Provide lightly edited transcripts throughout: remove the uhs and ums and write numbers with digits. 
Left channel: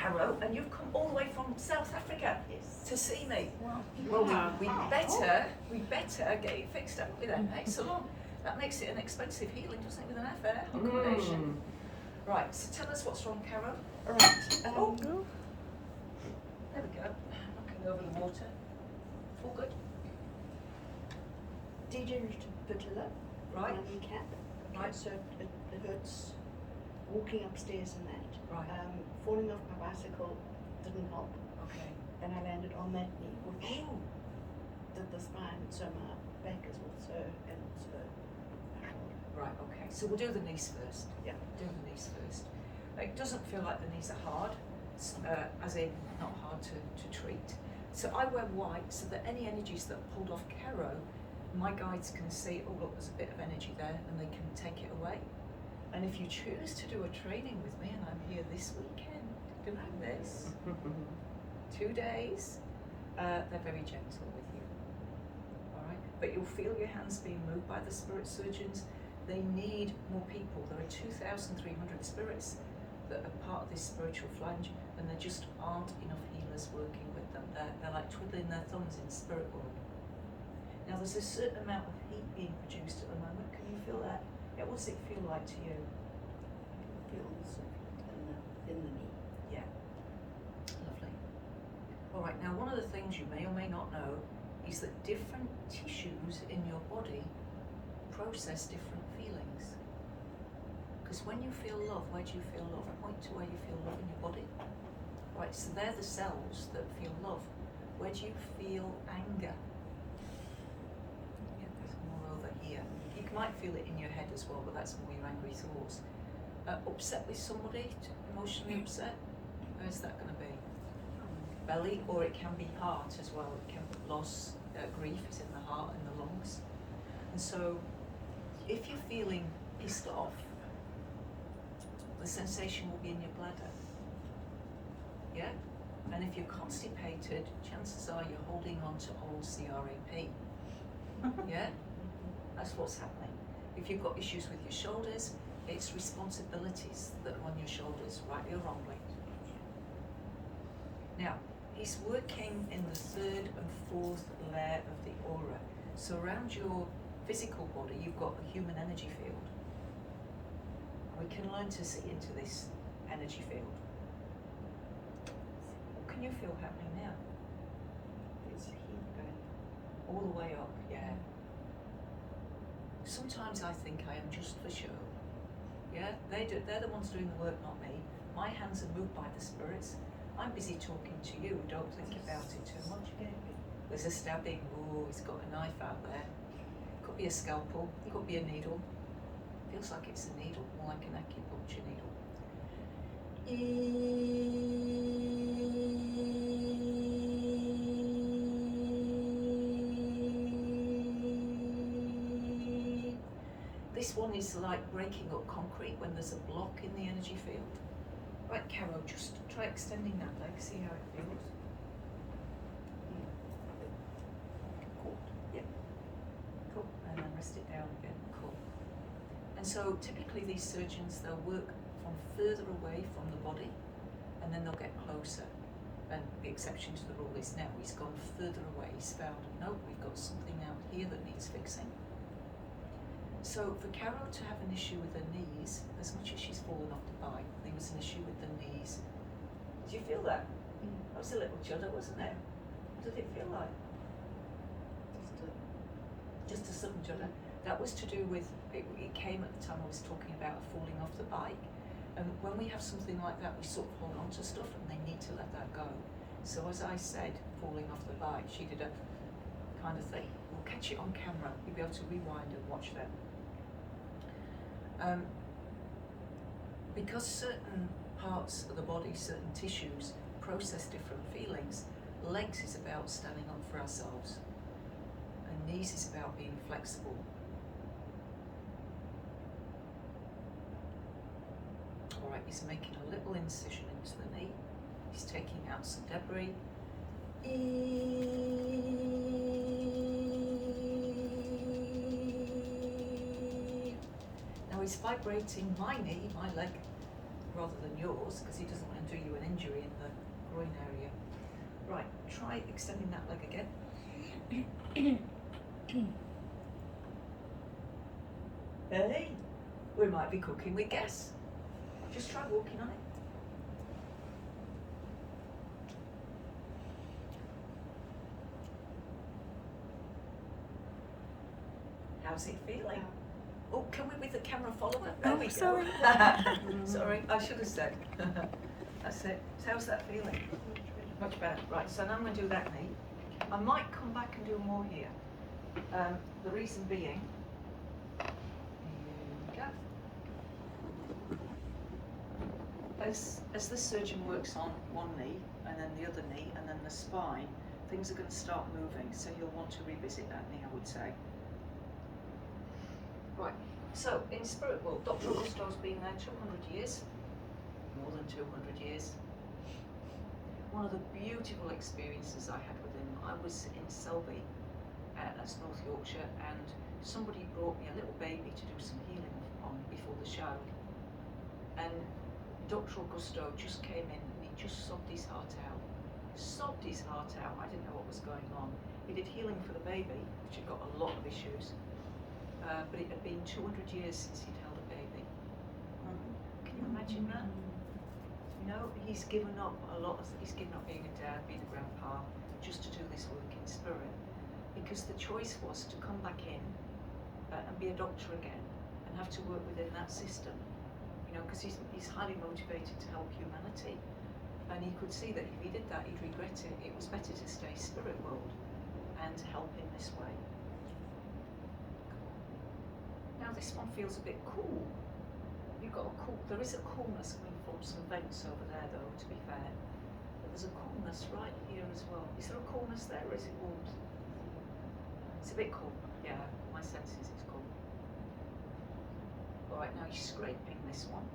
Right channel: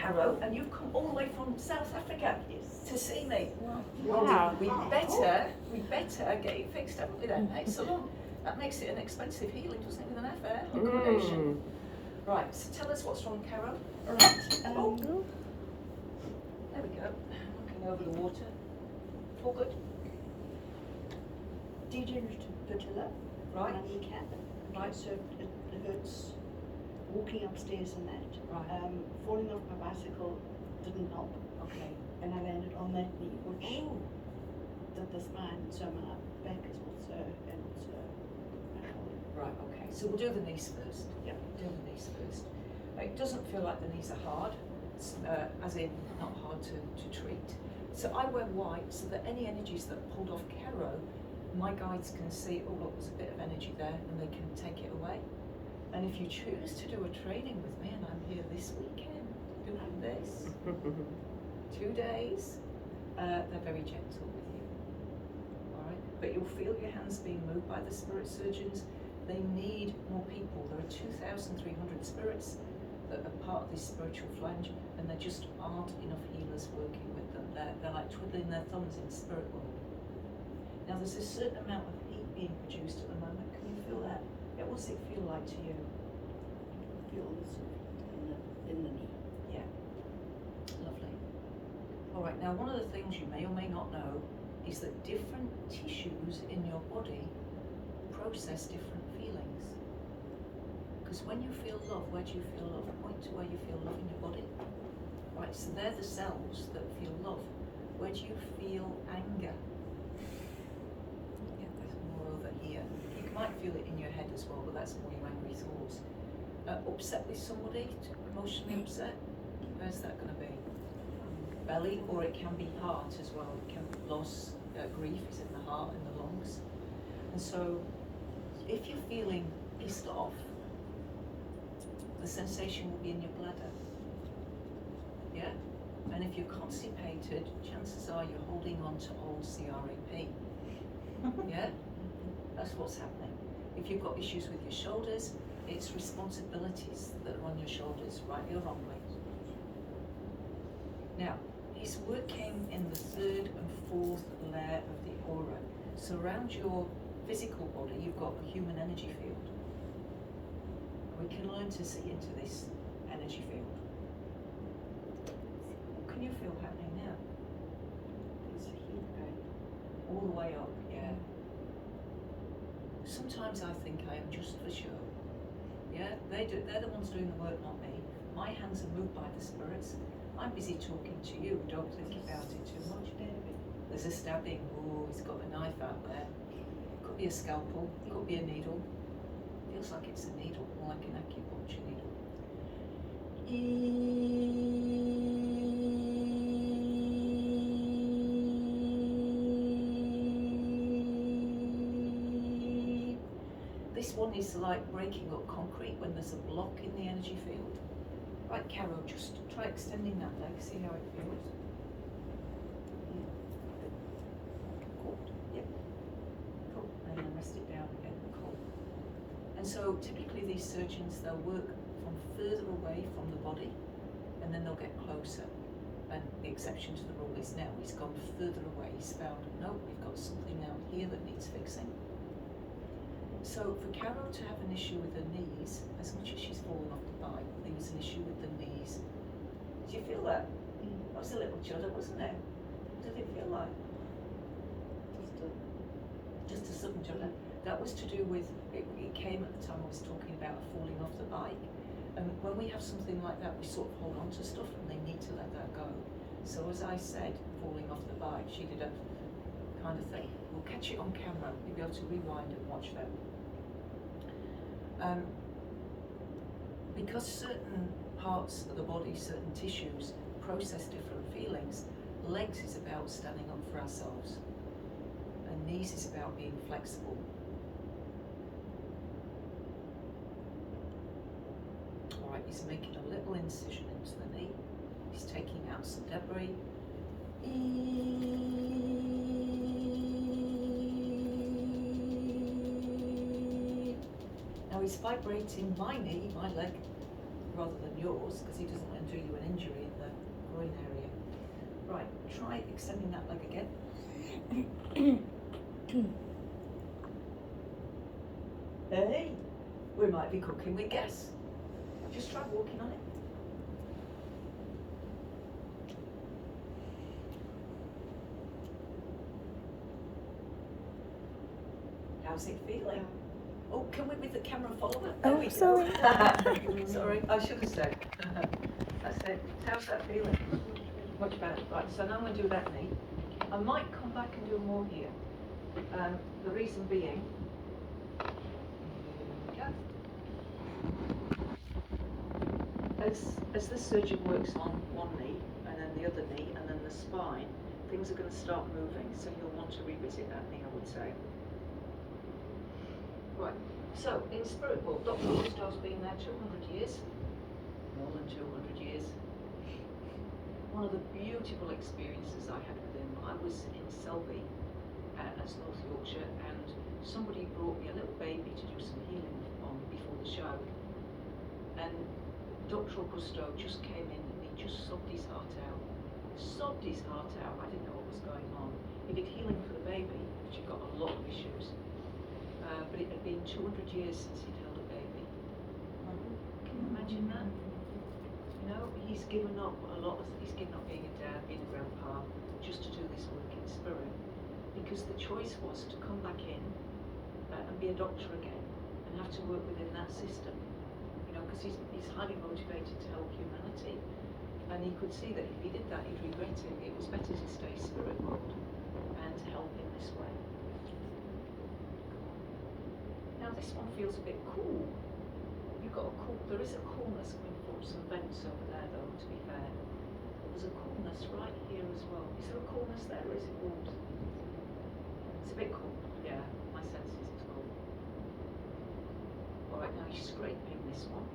Caro, and you've come all the way from South Africa to see me. Wow. Well, we better get it fixed, haven't we then? Hey, so long. That makes it an expensive healing, doesn't it, with an affair accommodation? Right, so tell us what's wrong, Caro. All right. There we go. Knocking over the water. All good. Degenerative patella. Right. My kneecap. Right. So it hurts walking upstairs and that. Right. Falling off my bicycle didn't help. Okay. And I landed on that knee, which Oh. did the spine, so my back is also, and also Right, okay. So we'll do the knees first. Yeah. Do the knees first. It doesn't feel like the knees are hard, as in not hard to treat. So I wear white so that any energies that pulled off Caro, my guides can see, oh look, there's a bit of energy there, and they can take it away. And if you choose to do a training with me, and I'm here this weekend doing this, 2 days, they're very gentle with you. All right, but you'll feel your hands being moved by the spirit surgeons. They need more people. There are 2,300 spirits that are part of this spiritual flange, and there just aren't enough healers working with them. They're like twiddling their thumbs in spirit world. Now there's a certain amount of heat being produced at the moment. Can you feel that? Yeah, what does it feel like to you? I feel also in the knee. Yeah, lovely. All right, now one of the things you may or may not know is that different tissues in your body process different feelings. Because when you feel love, where do you feel love? Point to where you feel love in your body. Right, so they're the cells that feel love. Where do you feel anger? Yeah, that's more over here. You might feel it in your head as well, but that's more your angry thoughts. Upset with somebody, emotionally upset, where's that going to be? Belly, or it can be heart as well. It can be loss, grief is in the heart and the lungs. And so, if you're feeling pissed off, the sensation will be in your bladder. Yeah? And if you're constipated, chances are you're holding on to old CRAP. Yeah? That's what's happening. If you've got issues with your shoulders, it's responsibilities that are on your shoulders, rightly or wrongly. Now, he's working in the third and fourth layer of the aura. So around your physical body, you've got a human energy field. We can learn to see into this energy field. What can you feel happening now? There's heat going All the way up, yeah. Sometimes I think I am just for show. Yeah, they're the ones doing the work, not me. My hands are moved by the spirits. I'm busy talking to you. Don't think about it too much. There's a stabbing. Oh, he's got a knife out there. Could be a scalpel. Could be a needle. Feels like it's a needle, more like an acupuncture needle. This one is like breaking up concrete when there's a block in the energy field. Right, Caro, just try extending that leg, see how it feels. Cool, yeah. Cool, and then rest it down again, cool. And so typically these surgeons, they'll work from further away from the body, and then they'll get closer. And the exception to the rule is now he's gone further away. He's found, no, we've got something out here that needs fixing. So for Caro to have an issue with her knees, as much as she's fallen off the bike, there was an issue with the knees. Did you feel that? That was a little judder, wasn't it? What did it feel like? Just a sudden judder. That was to do with, it came at the time I was talking about falling off the bike. And when we have something like that, we sort of hold on to stuff and they need to let that go. So as I said, falling off the bike, she did a kind of thing. We'll catch it on camera. You'll be able to rewind and watch that. Because certain parts of the body, certain tissues process different feelings, legs is about standing up for ourselves, and knees is about being flexible. All right, he's making a little incision into the knee. He's taking out some debris. Now he's vibrating my knee, my leg, rather than yours, because he doesn't want to do you an injury and groin area. Right, try extending that leg again. Hey, we might be cooking with gas. Just try walking on it. How's it feeling? Oh, can we with the camera follower? There we go. Sorry. Sorry, I should have said. That's it. How's that feeling? Much better. Right, so now I'm going to do that knee. I might come back and do more here. The reason being, as the surgeon works on one knee and then the other knee and then the spine, things are going to start moving, so he'll want to revisit that knee, I would say. Right, so in spirit world, Dr. Gusto's been there 200 years, more than 200 years. One of the beautiful experiences I had with him, I was in Selby, that's North Yorkshire, and somebody brought me a little baby to do some healing on before the show. And Dr. Augusto just came in and he just sobbed his heart out. Sobbed his heart out. I didn't know what was going on. He did healing for the baby, which had got a lot of issues. But it had been 200 years since he'd held a baby. Can you imagine that? You know, he's given up a lot. He's given up being a dad, being a grandpa, just to do this work in spirit. Because the choice was to come back in and be a doctor again and have to work within that system. You know, because he's highly motivated to help humanity. And he could see that if he did that, he'd regret it. It was better to stay spirit world and to help in this way. Now this one feels a bit cool. You've got a cool, there is a coolness coming from some vents over there though, to be fair. But there's a coolness right here as well. Is there a coolness there or is it warm? It's a bit cool, yeah, my sense is it's cool. Alright, now you're scraping this one.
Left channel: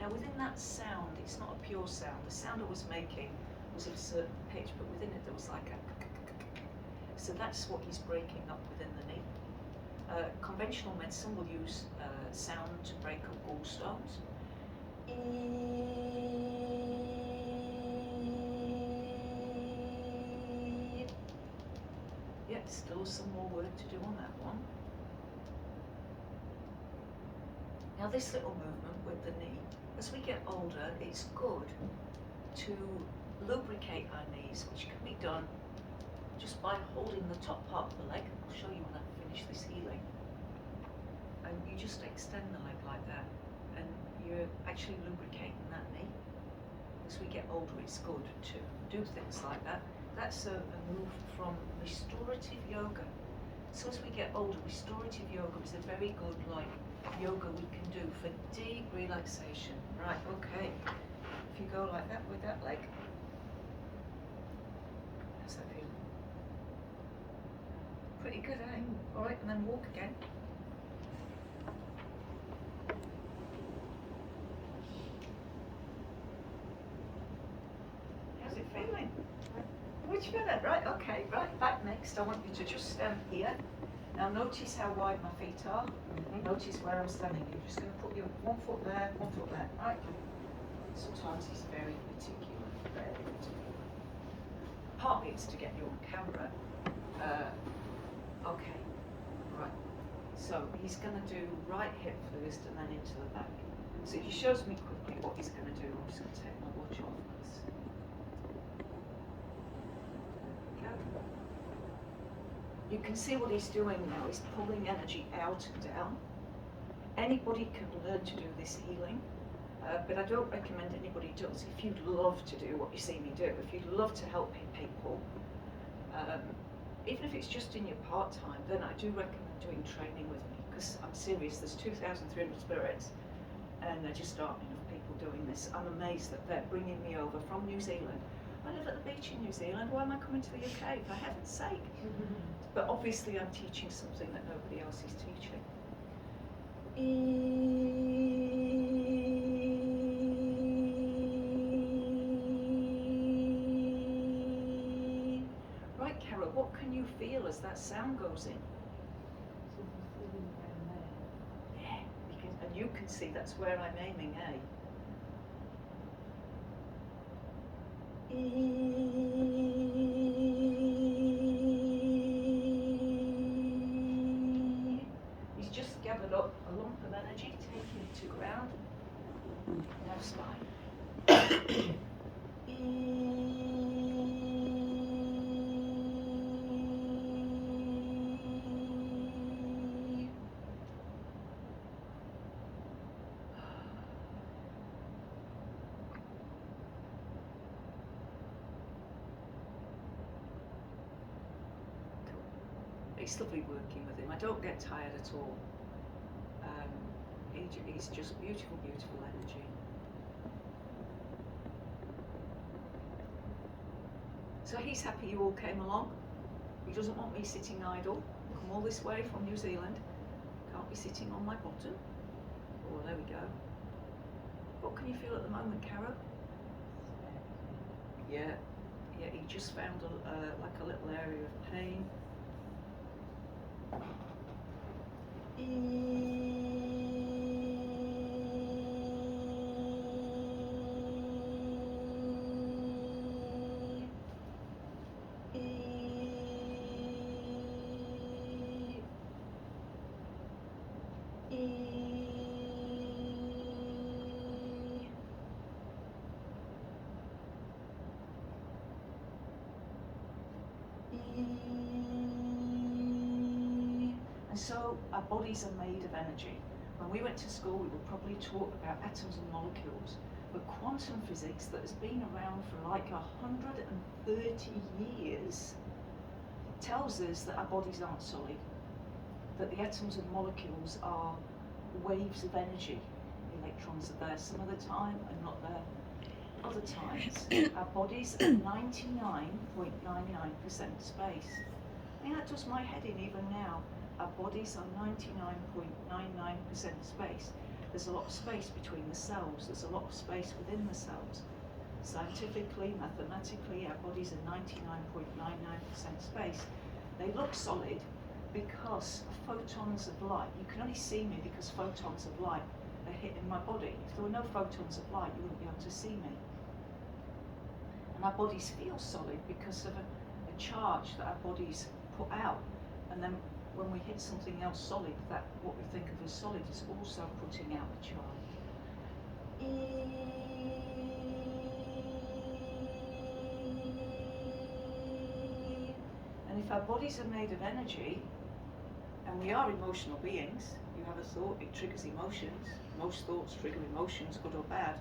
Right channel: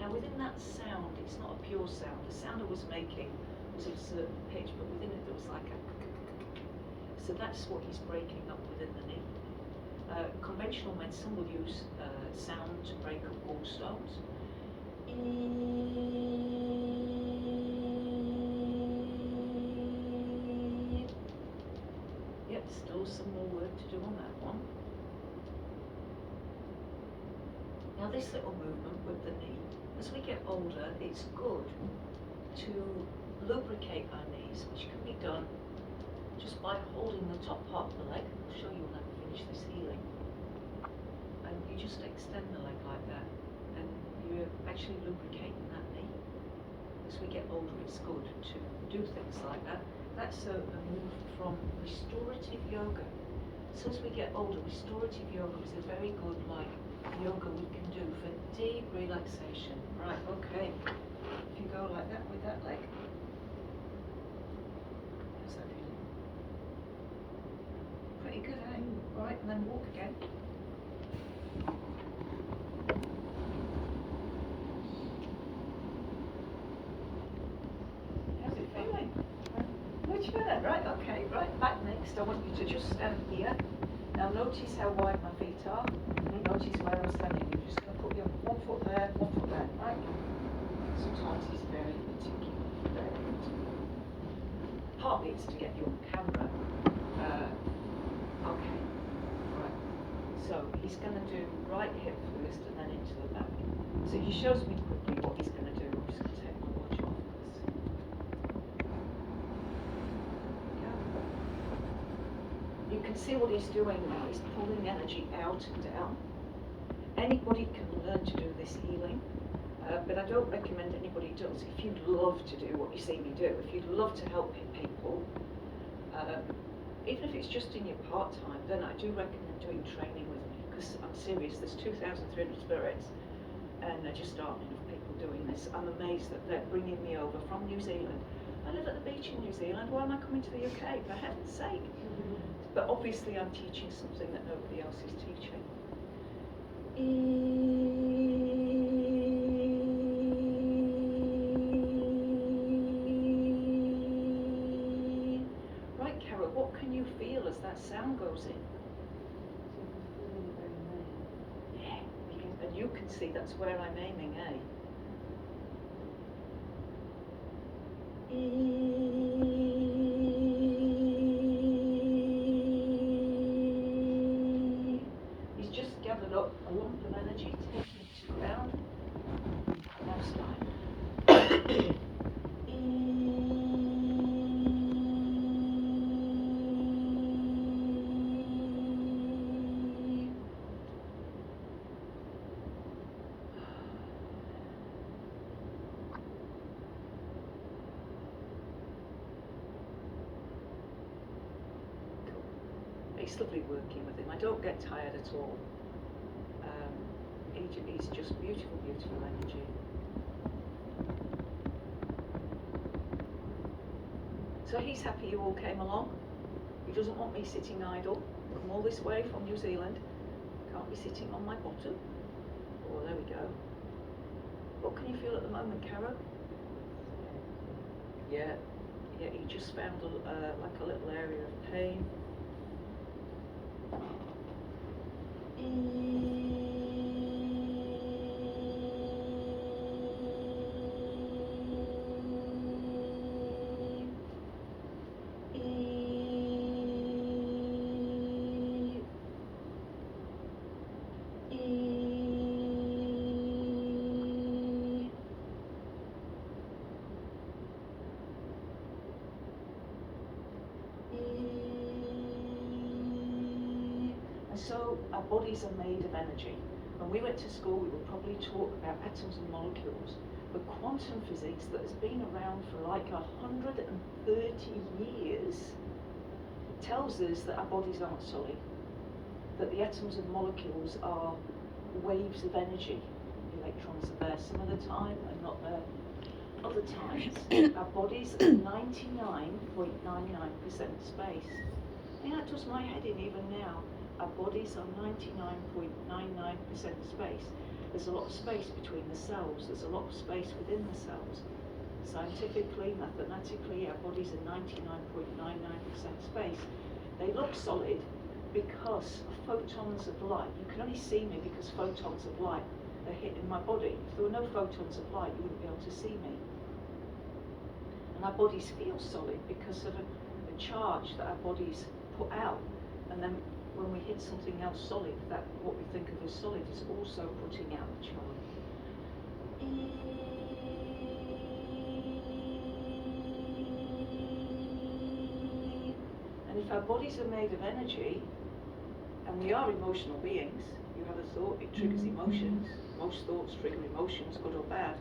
Now within that sound, it's not a pure sound. The sound I was making was of a certain pitch, but within it there was like a so that's what he's breaking up within the knee. Conventional medicine will use sound to break up gallstones. Yep, still some more work to do on that one. Now this little movement with the knee, as we get older, it's good to lubricate our knees, which can be done just by holding the top part of the leg. I'll show you when I finish this healing. And you just extend the leg like that, and you're actually lubricating that knee. As we get older, it's good to do things like that. That's a move from restorative yoga. So as we get older, restorative yoga is a very good yoga we can do for deep relaxation. Right, okay. If you go like that with that leg. How's that feeling? Pretty good, eh? Alright, and then walk again. How's it feeling? Much better, right, okay, right, back next. I want you to just stand here. Now notice how wide my feet are. Notice where I'm standing. You're just going to put your 1 foot there, 1 foot there, right? Sometimes he's very particular, very particular. Partly it's to get you on camera. Okay, right. So he's going to do right hip first and then into the back. So if he shows me quickly what he's going to do, I'm just going to take my watch off this. You can see what he's doing now. He's pulling energy out and down. Anybody can learn to do this healing, but I don't recommend anybody does. If you'd love to do what you see me do, if you'd love to help people, even if it's just in your part-time, then I do recommend doing training with me, because I'm serious, there's 2,300 spirits, and there just aren't enough people doing this. I'm amazed that they're bringing me over from New Zealand. I live at the beach in New Zealand, why am I coming to the UK, for heaven's sake? But obviously I'm teaching something that nobody else is teaching. Right, Caro, what can feel as that sound goes in. So the feeling down there. Yeah, and you can see that's where I'm aiming, eh? He's just gathered up a lump of energy, taking it to ground. Now start. It's lovely working with him. I don't get tired at all. He's just beautiful, beautiful energy. So he's happy you all came along. He doesn't want me sitting idle. Come all this way from New Zealand. Can't be sitting on my bottom. Oh, there we go. What can you feel at the moment, Caro? Yeah, he just found like a little area of pain. So our bodies are made of energy. When we went to school, we were probably taught about atoms and molecules, but quantum physics that has been around for like 130 years tells us that our bodies aren't solid, that the atoms and molecules are waves of energy. Electrons are there some of the time and not there other times. Our bodies are 99.99% space. I mean, that does my head in even now. Our bodies are 99.99% space. There's a lot of space between the cells. There's a lot of space within the cells. Scientifically, mathematically, our bodies are 99.99% space. They look solid because photons of light. You can only see me because photons of light are hitting my body. If there were no photons of light, you wouldn't be able to see me. And our bodies feel solid because of a charge that our bodies put out. And then when we hit something else solid, that what we think of as solid is also putting out the charge. And if our bodies are made of energy, and we are emotional beings, you have a thought, it triggers emotions. Most thoughts trigger emotions, good or bad.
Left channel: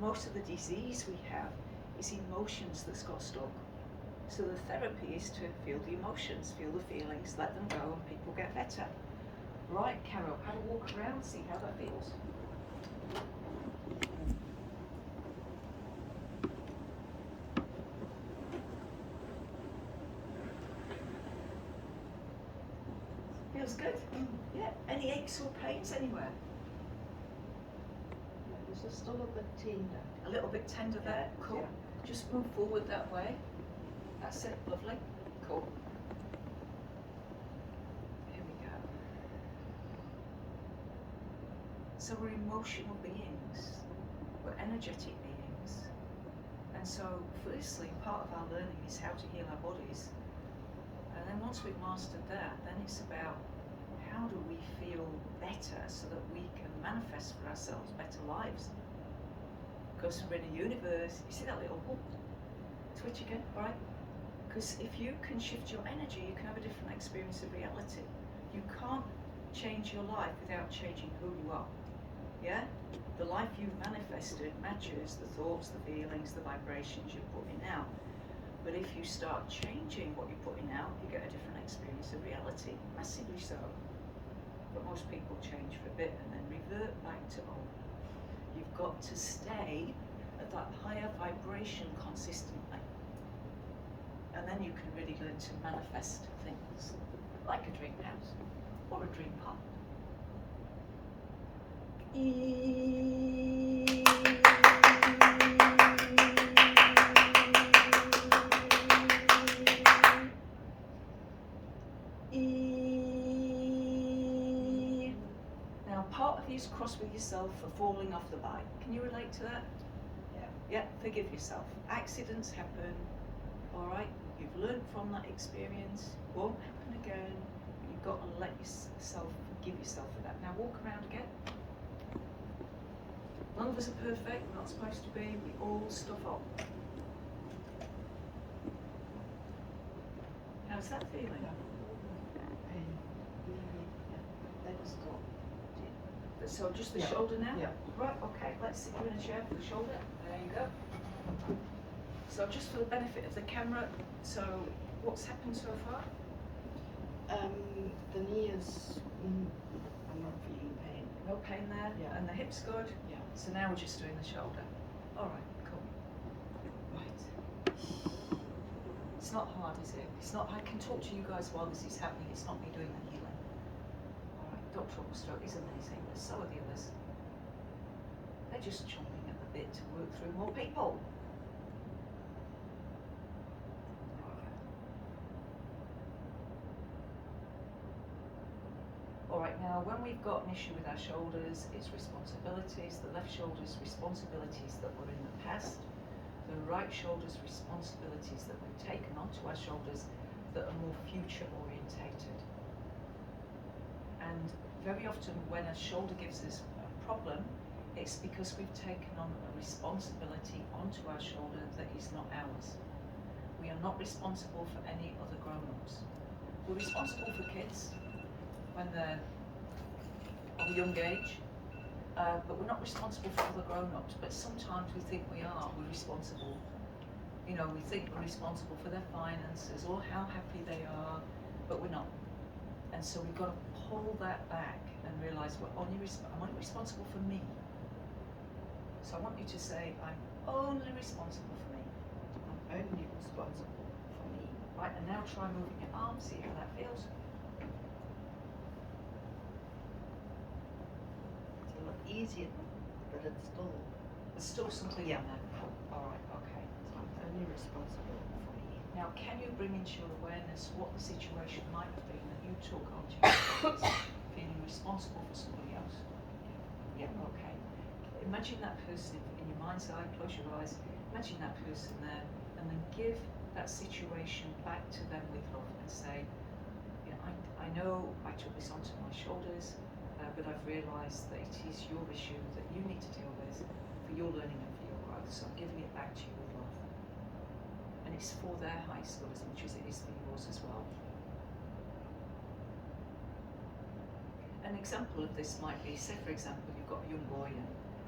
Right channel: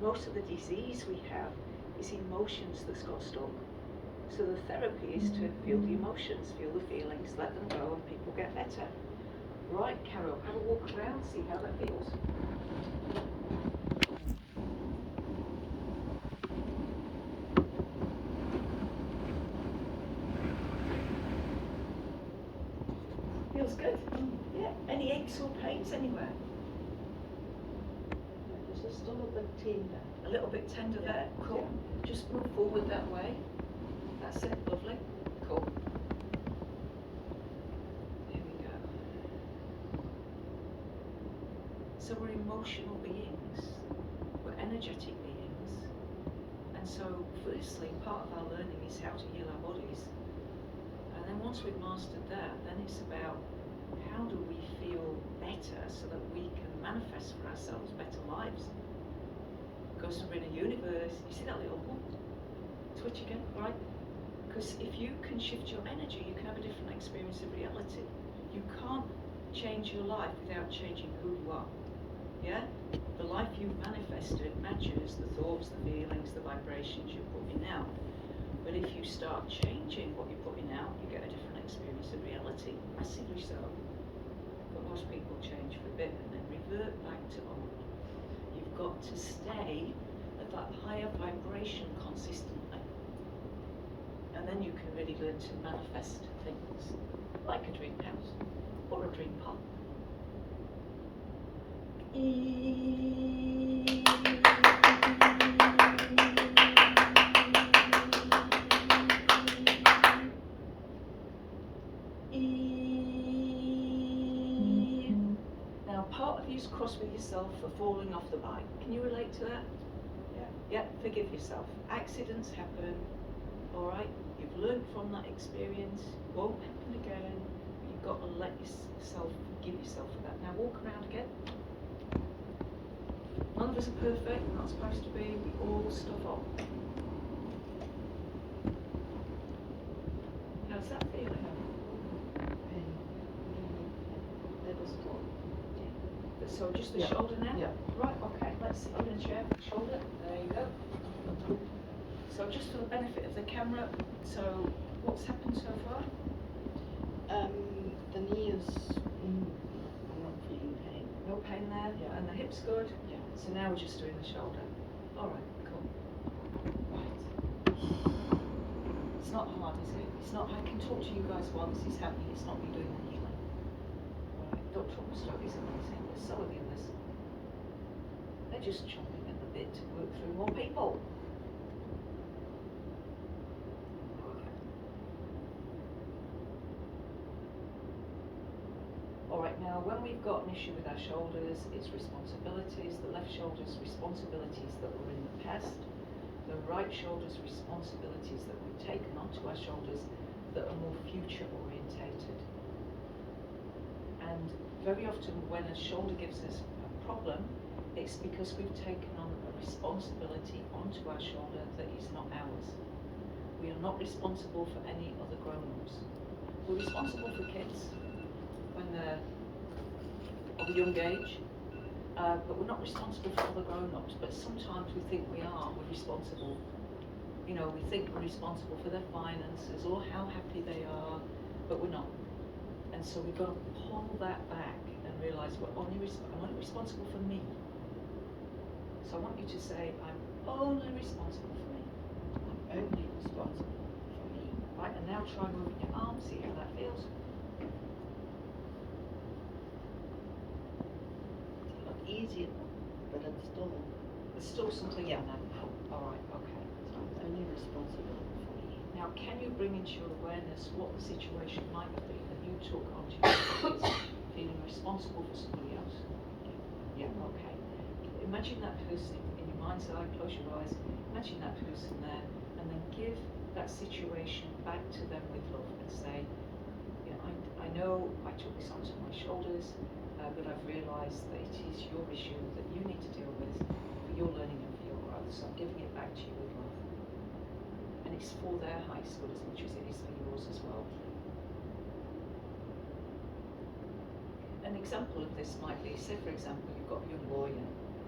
Most of the disease we have is emotions that's got stuck. So the therapy is to feel the emotions, feel the feelings, let them go, and people get better. Right, Caro, have a walk around, see how that feels. Feels good? Yeah. Any aches or pains anywhere? Yeah, this is still a bit tender. A little bit tender there? Yeah, Cool. yeah. Just move forward that way. That's it, lovely. Cool. Here we go. So we're emotional beings. We're energetic beings. And so, firstly, part of our learning is how to heal our bodies. And then once we've mastered that, then it's about how do we feel better so that we can manifest for ourselves better lives. Because we're in a universe, you see that little whoop? Switch again, right? Because if you can shift your energy, you can have a different experience of reality. You can't change your life without changing who you are. Yeah? The life you've manifested matches the thoughts, the feelings, the vibrations you're putting out. But if you start changing what you're putting out, you get a different experience of reality, massively so. But most people change for a bit and then revert back to old. You've got to stay at that higher vibration consistently. And then you can really learn to manifest things like a dream house or a dream partner. you's cross with yourself for falling off the bike. Can you relate to that? Yeah. Yeah, forgive yourself. Accidents happen, alright? You've learned from that experience, won't happen again. You've got to let yourself forgive yourself for that. Now walk around again. None of us are perfect, we're not supposed to be, we all stuff up. How's that feeling? Pain. Let us stop. So just the Yeah. shoulder now? Yeah. Right, okay, let's sit you in a chair for the shoulder. There you go. So just for the benefit of the camera, so what's happened so far? The knee is, I'm not feeling pain. No pain there? Yeah. And the hip's good? Yeah. So now we're just doing the shoulder. Alright, cool. Right. It's not hard, is it? It's not, I can talk to you guys while this is happening, it's not me doing the healing. Alright, Dr. Stroke is amazing, but so are the others. They're just chomping at the bit to work through more people. Alright, now when we've got an issue with our shoulders, it's responsibilities. The left shoulder's responsibilities that were in the past. The right shoulder's responsibilities that we've taken onto our shoulders that are more future orientated. And very often when a shoulder gives us a problem, it's because we've taken on a responsibility onto our shoulder that is not ours. We are not responsible for any other grown-ups. We're responsible for kids when they're of a young age, but we're not responsible for other grown-ups, but sometimes we think we are, we're responsible. You know, we think we're responsible for their finances or how happy they are, but we're not. And so we've got to pull that back and realise I'm only responsible for me. So I want you to say, I'm only responsible for me. I'm only responsible for me. Right, and now try moving your arm, see how that feels. It's a lot easier, but it's still, There's still something Yeah. in there. Alright, okay. so I'm only responsible for me. Now, can you bring into your awareness what the situation might have been that you took onto your shoulders, feeling responsible for somebody else? Yeah, okay. Imagine that person in your mind's eye, close your eyes, imagine that person there, and then give that situation back to them with love and say, yeah, I know I took this onto my shoulders, but I've realised that it is your issue that you need to deal with for your learning and for your growth, so I'm giving it back to you with love. And it's for their highest good as much as it is for yours as well. An example of this might be, say for example, you've got a young boy and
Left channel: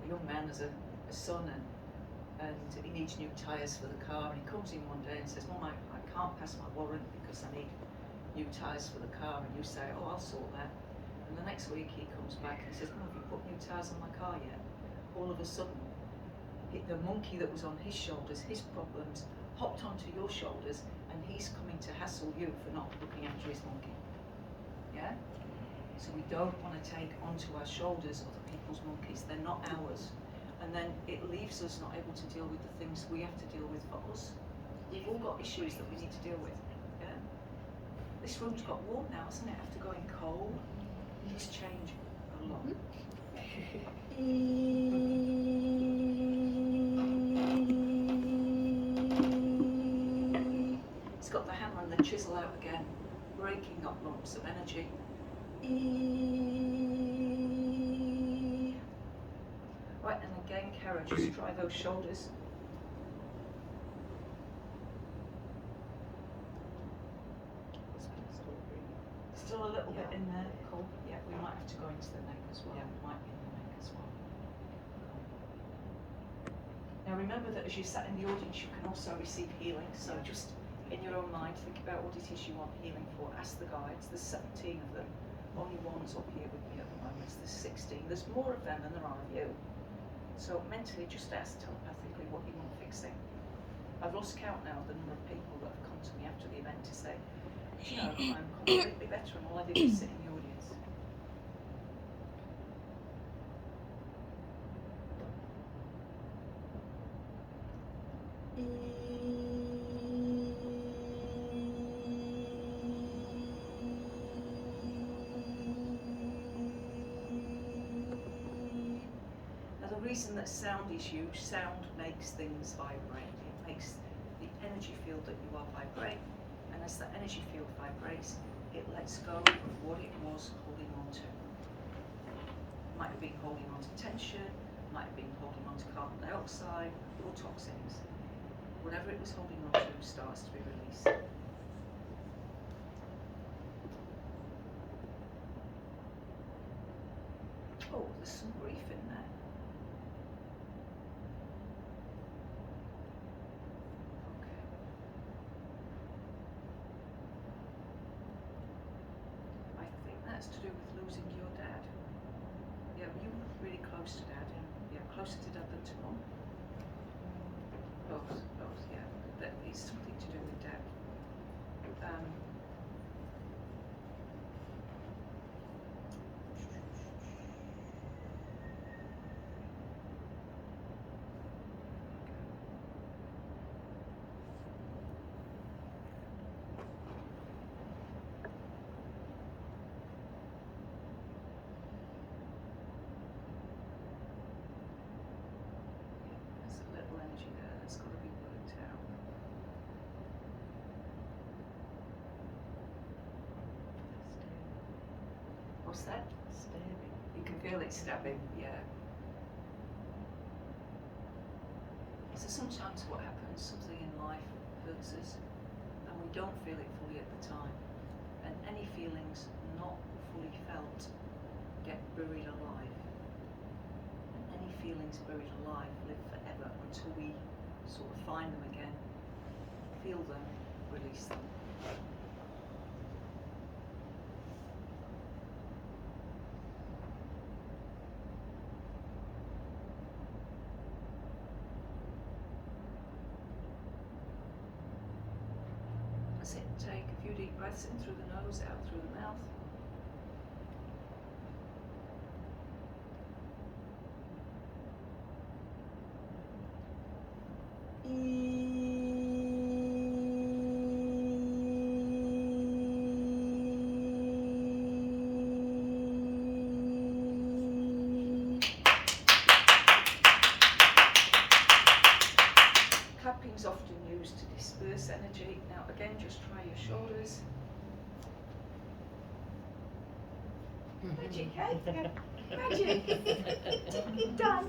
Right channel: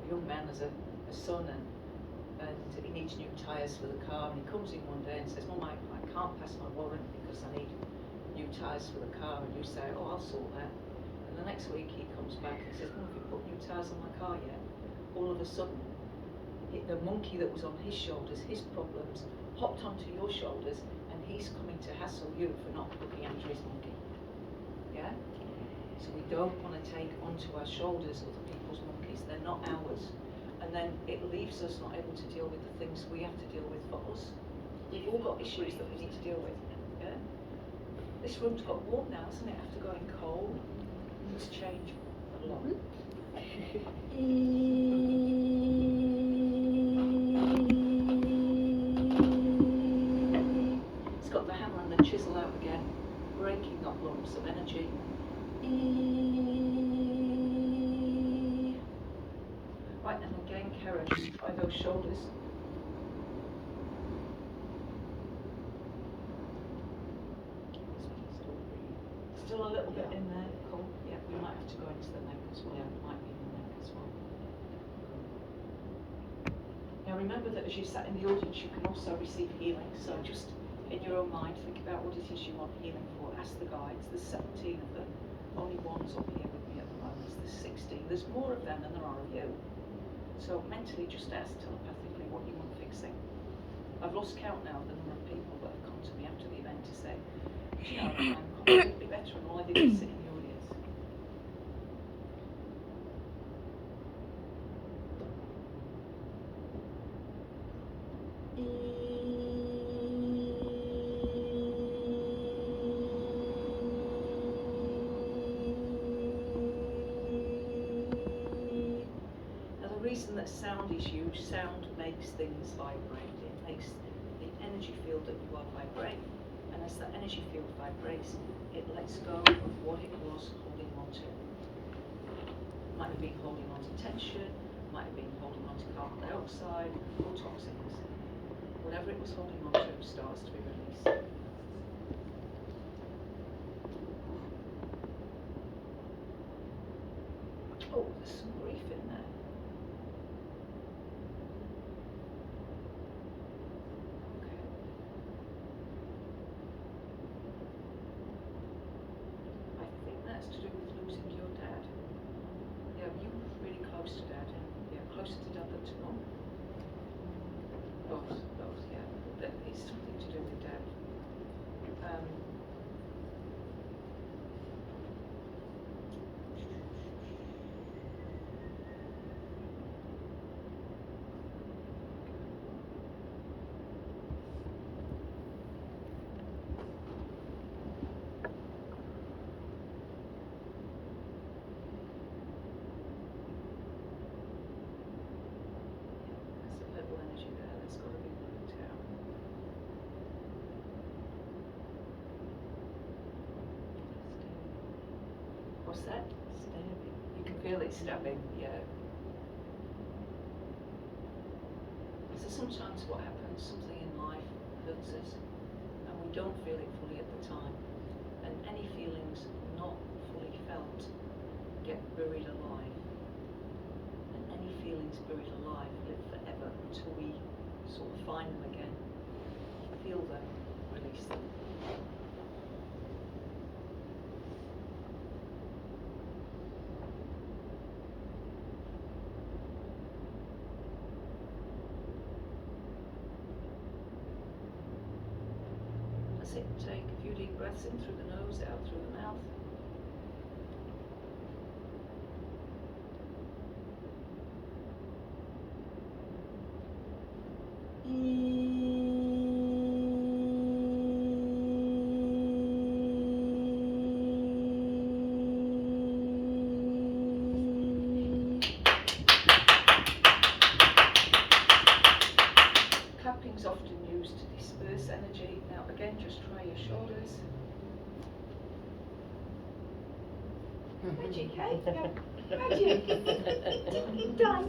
a young man has a son and he needs new tyres for the car, and he comes in one day and says, Mum, I can't pass my warrant because I need new tyres for the car, and you say, oh, I'll sort that. And the next week he comes back and says, Mum, have you put new tyres on my car yet? All of a sudden, the monkey that was on his shoulders, his problems, hopped onto your shoulders, and he's coming to hassle you for not looking after his monkey. Yeah? So we don't want to take onto our shoulders other people's monkeys, they're not ours. And then it leaves us not able to deal with the things we have to deal with for us. We've all got issues that we need to deal with. Yeah? This room's got warm now, hasn't it? After going cold, it's changed a lot. It's got the hammer and the chisel out again, breaking up lumps of energy. Right, and again, Caro, just try those shoulders. Still a little bit in there, cool. Yeah, we might have to go into the neck as well. Yeah. It might be in the neck as well. Cool. Now remember that as you sat in the audience, you can also receive healing. So just in your own mind, think about what it is you want healing for. Ask the guides. There's 17 of them. Only one's up here with me at the moment. There's 16. There's more of them than there are of you. So mentally, just ask telepathically what you want fixing. I've lost count now of the number of people that have come to me after the event to say, do you know, I'm completely better, and all I did was sit in the audience. is you, sound makes things vibrate. It makes the energy field that you are vibrate, and as that energy field vibrates, it lets go of what it was holding on to. Might have been holding on to tension, might have been holding on to carbon dioxide or toxins. Whatever it was holding on to starts to be released. Oh, there's some grief in there. Okay. I think that's to do with losing your dad. Yeah, you were really close to dad. Yeah, closer to dad than to mum. Both, yeah. But it's something to do with dad. There's a little energy there that's got to be worked out. What's that? Stabbing. You can feel it stabbing, yeah. So sometimes what happens, something in life hurts us and we don't feel it fully at the time. And any feelings not fully felt get buried alive. And any feelings buried alive live forever until we sort of find them again, feel them, release them. That's it. Take a few deep breaths in through the nose, out through the mouth. Clapping's often used to disperse energy. Now again, just try your shoulders. Magic, eh? Magic. Done.